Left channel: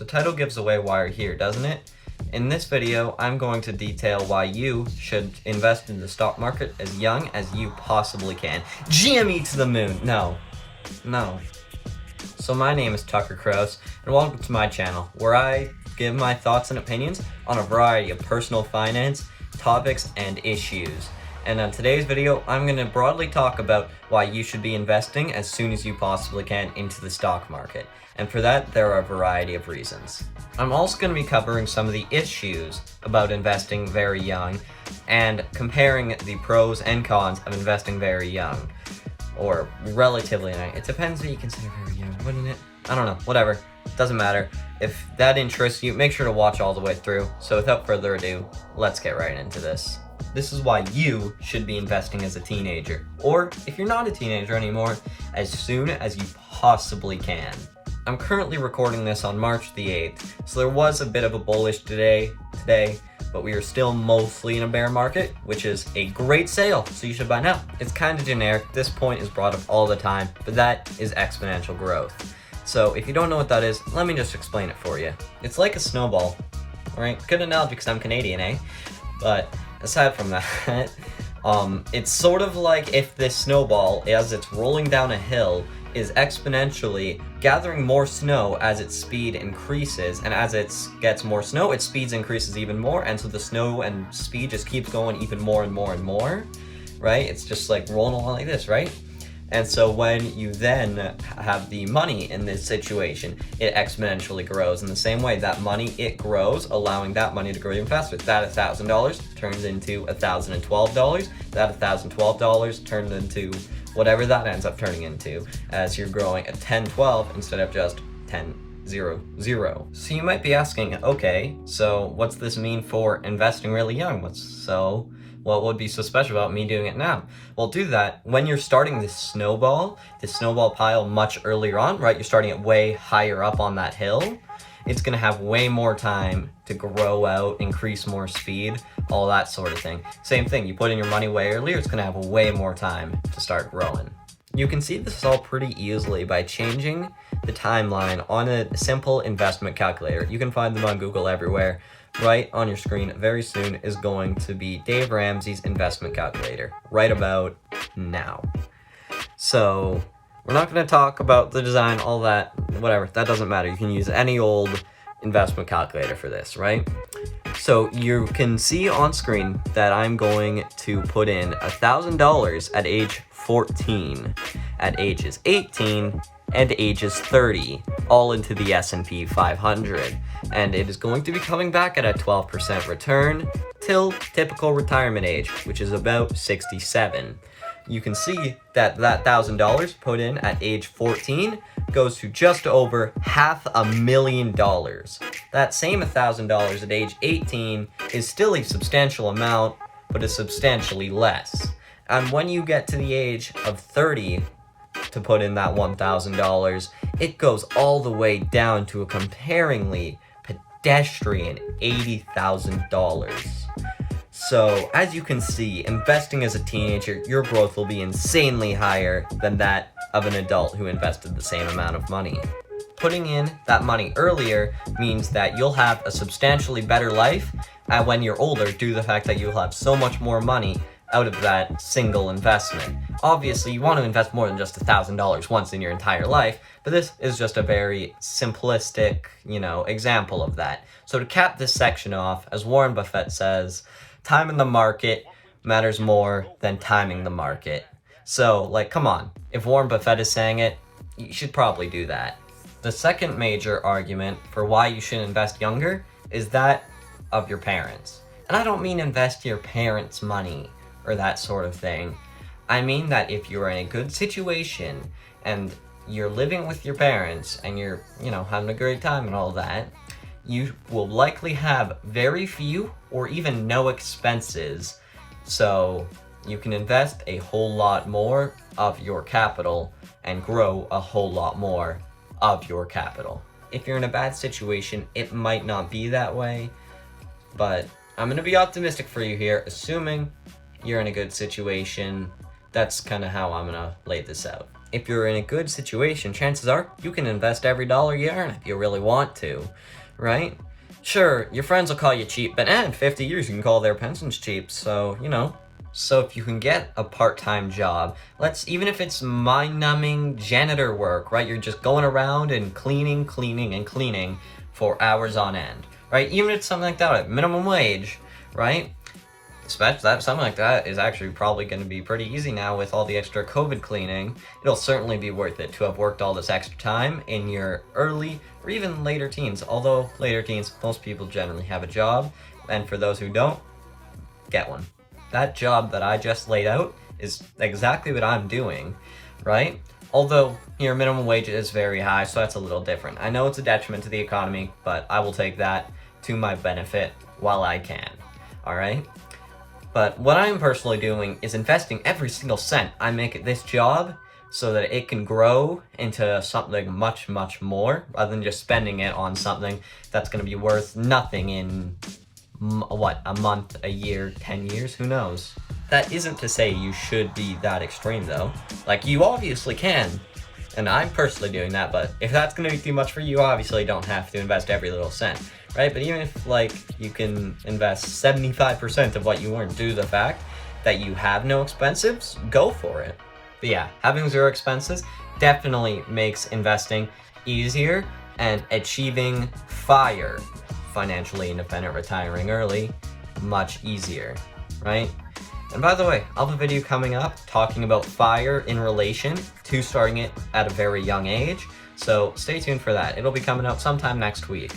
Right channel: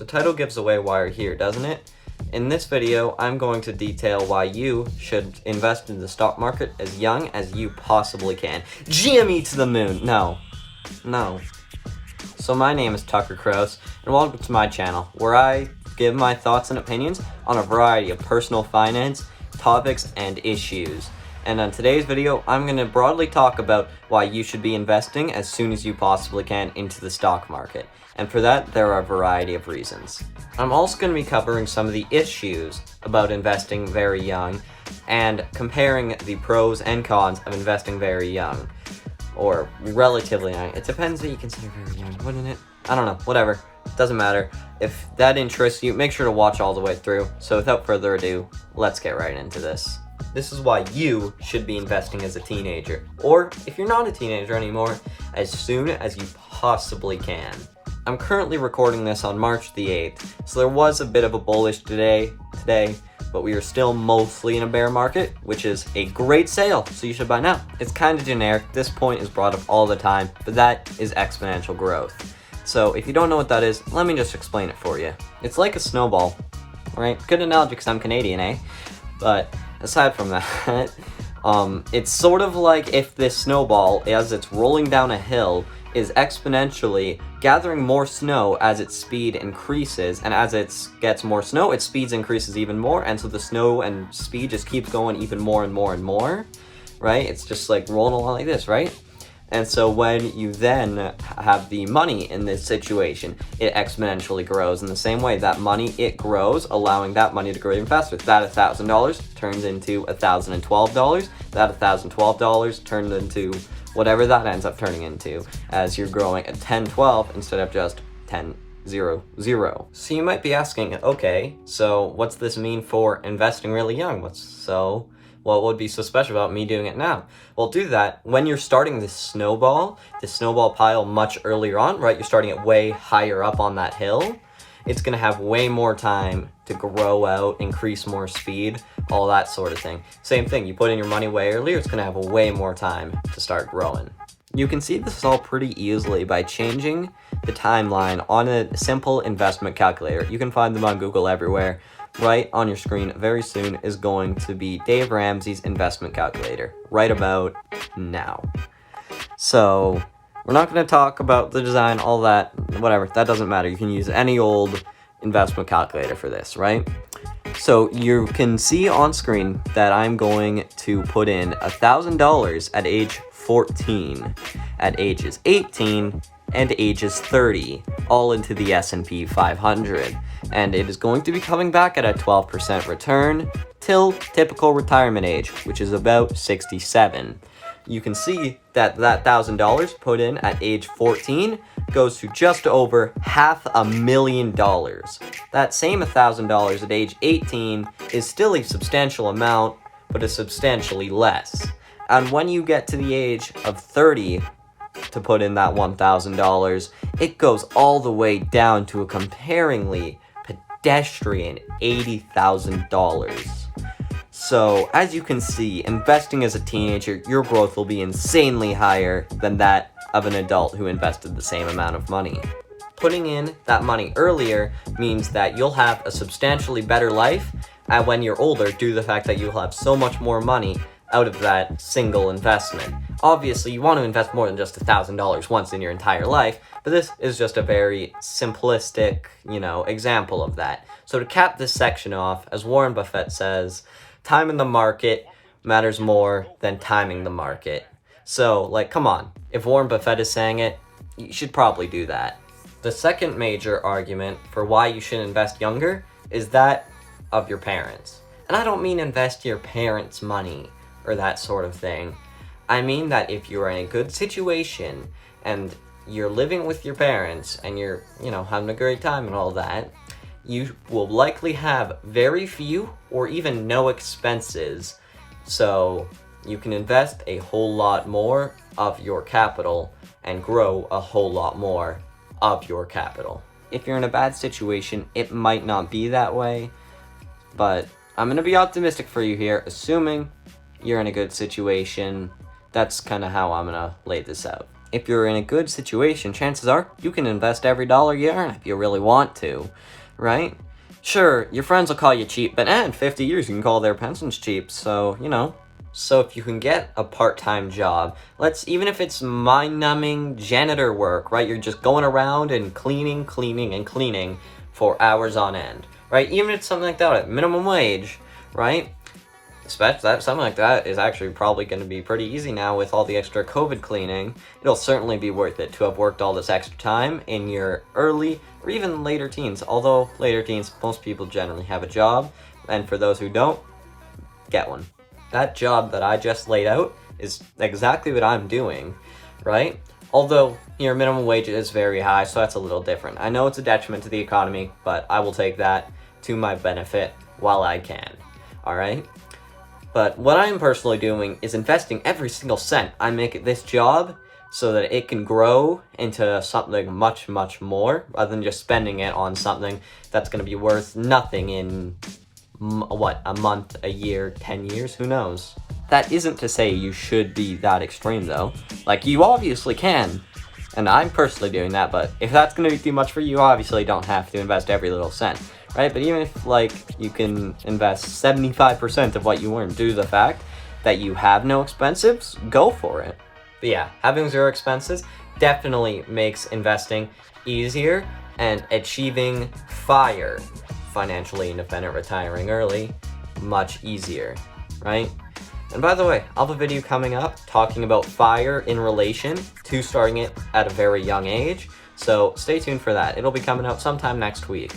The title gives away why you're here, doesn't it? In this video, I'm going to detail why you should invest in the stock market as young as you possibly can. GME to the moon! No. So my name is Tucker Krause, and welcome to my channel, where I give my thoughts and opinions on a variety of personal finance, topics, and issues. And on today's video, I'm going to broadly talk about why you should be investing as soon as you possibly can into the stock market. And for that, there are a variety of reasons. I'm also going to be covering some of the issues about investing very young and comparing the pros and cons of investing very young. Or relatively young. It depends that you consider very young, wouldn't it? I don't know, whatever. Doesn't matter. If that interests you, make sure to watch all the way through. So without further ado, let's get right into this. This is why you should be investing as a teenager. Or, if you're not a teenager anymore, as soon as you possibly can. I'm currently recording this on March the 8th, so there was a bit of a bullish today, but we are still mostly in a bear market, which is a great sale, so you should buy now. It's kind of generic. This point is brought up all the time, but that is exponential growth. So if you don't know what that is, let me just explain it for you. It's like a snowball, right? Good analogy because I'm Canadian, eh? But aside from that, it's sort of like if this snowball, as it's rolling down a hill, is exponentially gathering more snow as its speed increases, and as it gets more snow, its speed increases even more, and so the snow and speed just keeps going even more and more and more, right? It's just like rolling along like this, right? And so when you then have the money in this situation, it exponentially grows in the same way. That money, it grows, allowing that money to grow even faster. That $1,000 turns into $1,012. That $1,012 turned into whatever that ends up turning into as you're growing at 10-12 instead of just 10-0-0. So you might be asking, okay, so what's this mean for investing really young? What would be so special about me doing it now? Well, do that when you're starting this snowball pile much earlier on, right? You're starting it way higher up on that hill. It's gonna have way more time to grow out, increase more speed, all that sort of thing. Same thing, you put in your money way earlier, it's gonna have way more time to start growing. You can see this all pretty easily by changing the timeline on a simple investment calculator. You can find them on Google everywhere. Right on your screen very soon is going to be Dave Ramsey's investment calculator, right about now. So we're not going to talk about the design, all that, whatever, that doesn't matter. You can use any old investment calculator for this, right? So you can see on screen that I'm going to put in $1,000 at age 14, at ages 18, and ages 30, all into the S&P 500. And it is going to be coming back at a 12% return till typical retirement age, which is about 67. You can see that $1,000 put in at age 14 goes to just over $500,000. That same $1,000 at age 18 is still a substantial amount, but is substantially less. And when you get to the age of 30 to put in that $1,000, it goes all the way down to a comparingly pedestrian $80,000. So, as you can see, investing as a teenager, your growth will be insanely higher than that of an adult who invested the same amount of money. Putting in that money earlier means that you'll have a substantially better life when you're older due to the fact that you'll have so much more money out of that single investment. Obviously, you want to invest more than just $1,000 once in your entire life, but this is just a very simplistic, example of that. So to cap this section off, as Warren Buffett says, time in the market matters more than timing the market. So, come on. If Warren Buffett is saying it, you should probably do that. The second major argument for why you should invest younger is that of your parents. And I don't mean invest your parents' money or that sort of thing. I mean that if you're in a good situation and you're living with your parents and you're, having a great time and all that, you will likely have very few or even no expenses. So you can invest a whole lot more of your capital and grow a whole lot more of your capital. If you're in a bad situation, it might not be that way, but I'm going to be optimistic for you here, assuming you're in a good situation. That's kind of how I'm going to lay this out. if you're in a good situation, chances are you can invest every dollar you earn if you really want to, right? Sure, your friends will call you cheap, but in 50 years you can call their pensions cheap, so, you know. So if you can get a part-time job, even if it's mind-numbing janitor work, right? You're just going around and cleaning for hours on end, right? Even if it's something like that, at minimum wage, right? Especially something like that is actually probably going to be pretty easy now with all the extra COVID cleaning. It'll certainly be worth it to have worked all this extra time in your early or even later teens. Although later teens, most people generally have a job, and for those who don't, get one. That job that I just laid out is exactly what I'm doing, right? Although your minimum wage is very high, so that's a little different. I know it's a detriment to the economy, but I will take that to my benefit while I can, all right? But what I'm personally doing is investing every single cent I make at this job so that it can grow into something much, much more, rather than just spending it on something that's going to be worth nothing in, a month, a year, 10 years, who knows? That isn't to say you should be that extreme, though. Like, you obviously can, and I'm personally doing that, but if that's going to be too much for you, obviously don't have to invest every little cent. Right? But even if, you can invest 75% of what you earn due to the fact that you have no expenses, go for it. But yeah, having zero expenses definitely makes investing easier and achieving FIRE, financially independent retiring early, much easier, right? And by the way, I'll have a video coming up talking about FIRE in relation to starting it at a very young age, so stay tuned for that. It'll be coming out sometime next week.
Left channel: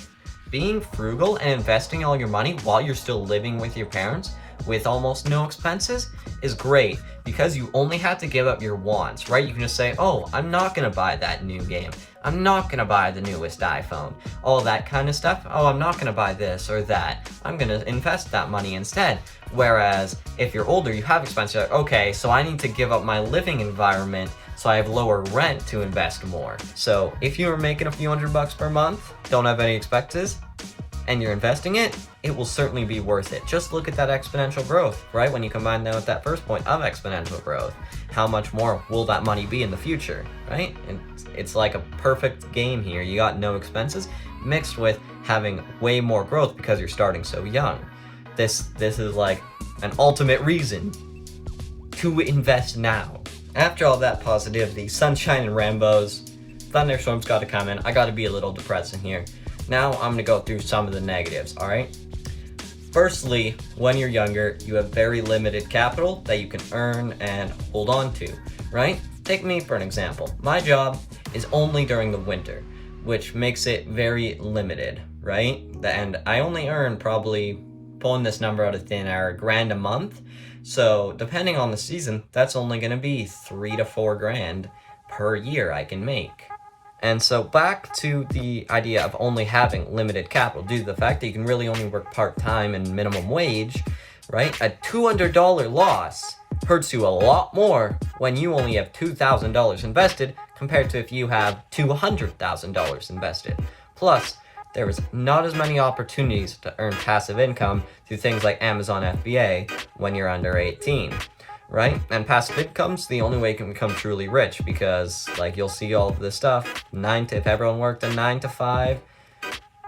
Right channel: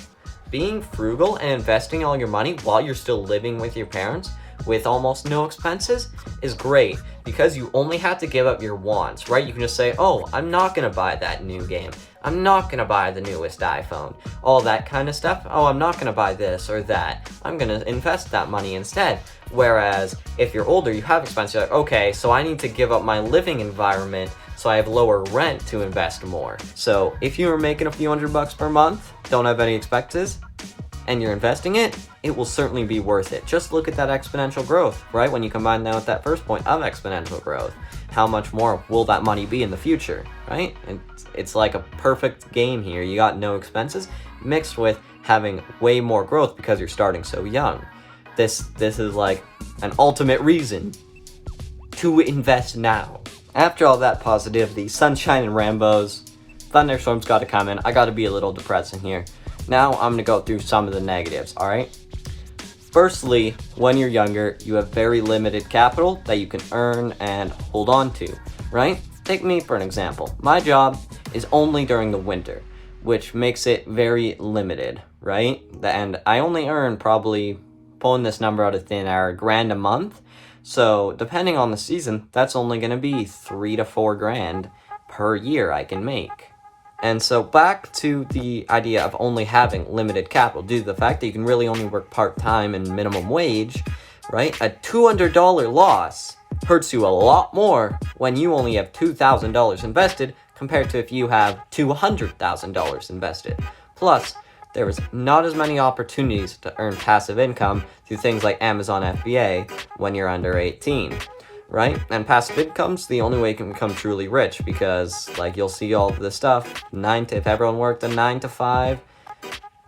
Being frugal and investing all your money while you're still living with your parents with almost no expenses is great because you only have to give up your wants, right? You can just say, oh, I'm not going to buy that new game. I'm not going to buy the newest iPhone. All that kind of stuff. Oh, I'm not going to buy this or that. I'm going to invest that money instead. Whereas if you're older, you have expenses. You're like, okay, so I need to give up my living environment so I have lower rent to invest more. So if you were making a few $100 per month, don't have any expenses, and you're investing it, it will certainly be worth it. Just look at that exponential growth, right? When you combine that with that first point of exponential growth, how much more will that money be in the future, right? And it's like a perfect game here. You got no expenses mixed with having way more growth because you're starting so young. This is like an ultimate reason to invest now. After all that positivity, sunshine and Rambos, thunderstorms got to come in. I got to be a little depressing here. Now I'm going to go through some of the negatives, alright? Firstly, when you're younger, you have very limited capital that you can earn and hold on to, right? Take me for an example. My job is only during the winter, which makes it very limited, right? And I only earn, probably, pulling this number out of thin air, $1,000 a month. So depending on the season, that's only going to be $3 to $4,000 per year I can make. And so back to the idea of only having limited capital due to the fact that you can really only work part-time and minimum wage, right? A $200 loss hurts you a lot more when you only have $2,000 invested compared to if you have $200,000 invested. Plus, there is not as many opportunities to earn passive income through things like Amazon FBA when you're under 18. Right? And passive income's the only way you can become truly rich because, you'll see all of this stuff. If everyone worked a 9 to 5,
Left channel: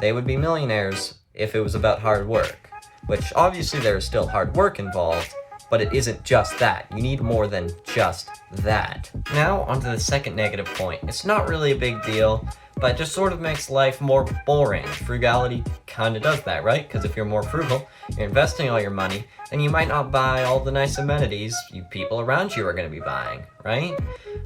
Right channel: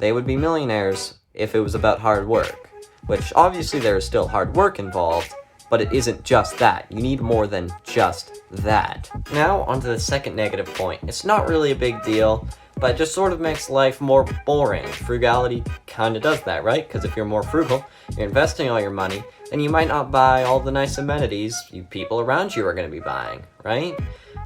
they would be millionaires if it was about hard work. Which, obviously, there is still hard work involved, but it isn't just that. You need more than just that. Now, onto the second negative point. It's not really a big deal, but it just sort of makes life more boring. Frugality kind of does that, right? Because if you're more frugal, you're investing all your money, and you might not buy all the nice amenities you people around you are going to be buying, right?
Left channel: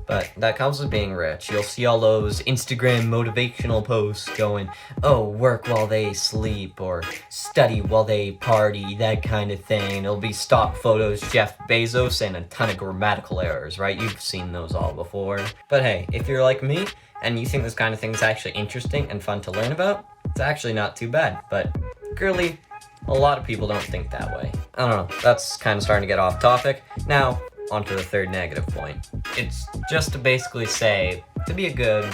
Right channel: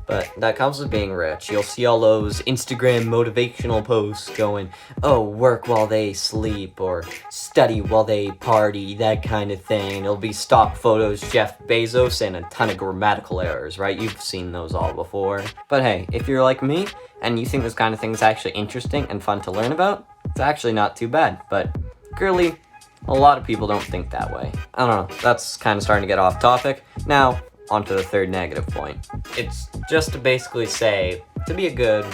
But that comes with being rich. You'll see all those Instagram motivational posts going, oh, work while they sleep, or study while they party, that kind of thing. It'll be stock photos, Jeff Bezos, and a ton of grammatical errors, right? You've seen those all before. But hey, if you're like me, and you think this kind of thing is actually interesting and fun to learn about, it's actually not too bad. But clearly, a lot of people don't think that way. I don't know, that's kind of starting to get off topic. Now, onto the third negative point. It's just to basically say, to be a good,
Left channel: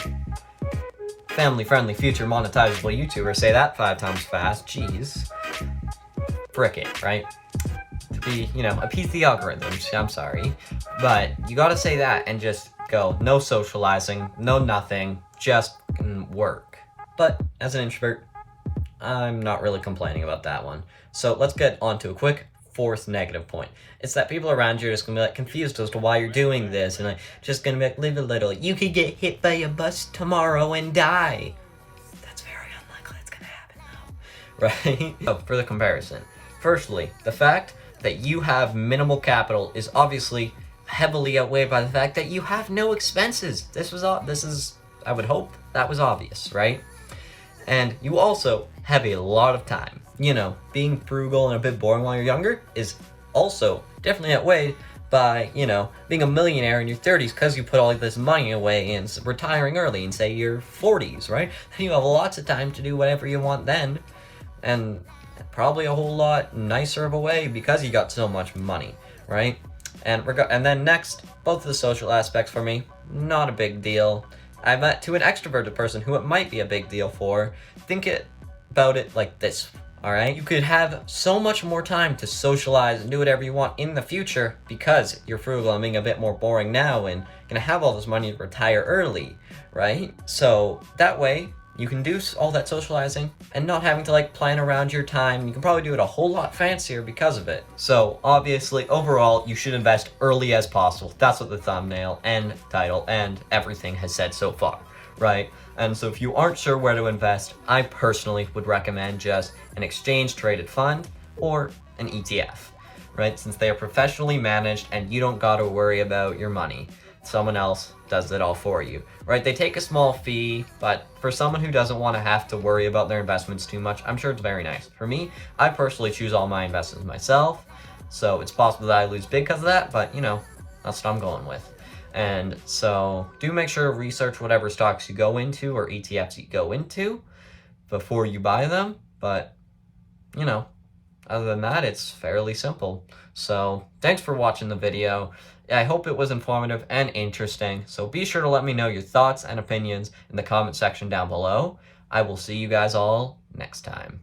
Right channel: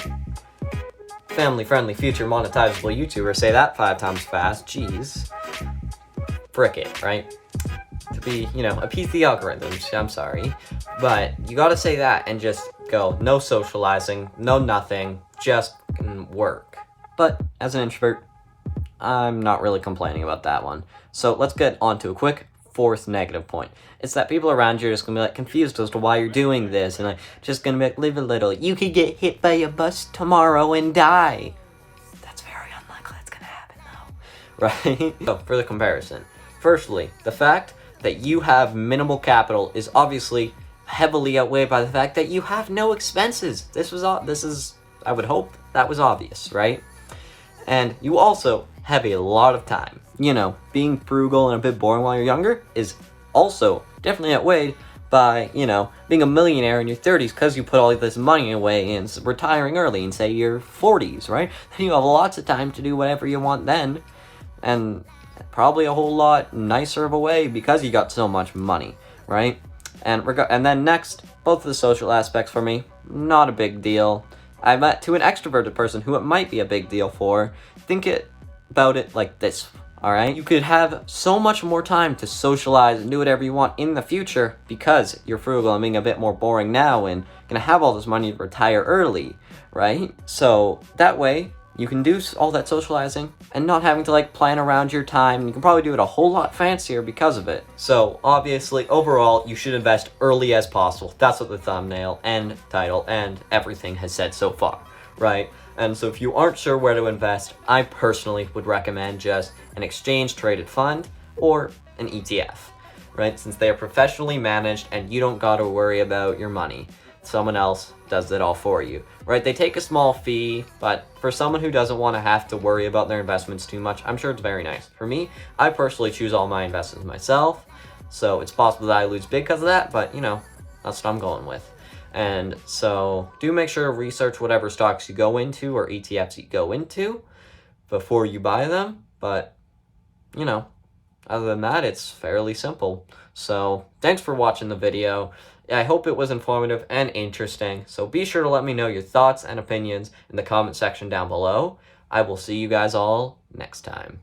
family-friendly, future monetizable YouTuber, say that 5 times fast, jeez. Frick it, right? To be, appease the algorithms, I'm sorry. But you gotta say that and just get-go, no socializing, no nothing, just work. But as an introvert, I'm not really complaining about that one. So let's get on to a quick fourth negative point. It's that people around you are just gonna be like confused as to why you're doing this, and like just gonna be like, live a little. You could get hit by a bus tomorrow and die. That's very unlikely it's gonna happen though, right? So for the comparison, firstly, the fact that you have minimal capital is obviously heavily outweighed by the fact that you have no expenses. This is I would hope that was obvious, right? And you also have a lot of time. You know, being frugal and a bit boring while you're younger is also definitely outweighed by, you know, being a millionaire in your 30s because you put all this money away and retiring early in, say, your 40s, right? You have lots of time to do whatever you want then, and probably a whole lot nicer of a way because you got so much money, right? And then next, both of the social aspects for me, not a big deal. I met to an extroverted person who it might be a big deal for. Think about it like this, alright? You could have so much more time to socialize and do whatever you want in the future because you're frugal and being a bit more boring now and gonna have all this money to retire early, right? So that way, you can do all that socializing and not having to like plan around your time. You can probably do it a whole lot fancier because of it. So obviously, overall, you should invest early as possible. That's what the thumbnail and title and everything has said so far, right? And so if you aren't sure where to invest, I personally would recommend just an exchange traded fund or an ETF, right? Since they are professionally managed and you don't gotta worry about your money. Someone else does it all for you, right? They take a small fee, but for someone who doesn't want to have to worry about their investments too much, I'm sure it's very nice. For me, I personally choose all my investments myself, so it's possible that I lose big because of that, but you know, that's what I'm going with. And so do make sure to research whatever stocks you go into or ETFs you go into before you buy them, but you know, other than that, it's fairly simple. So thanks for watching the video. I hope it was informative and interesting, so be sure to let me know your thoughts and opinions in the comment section down below. I will see you guys all next time.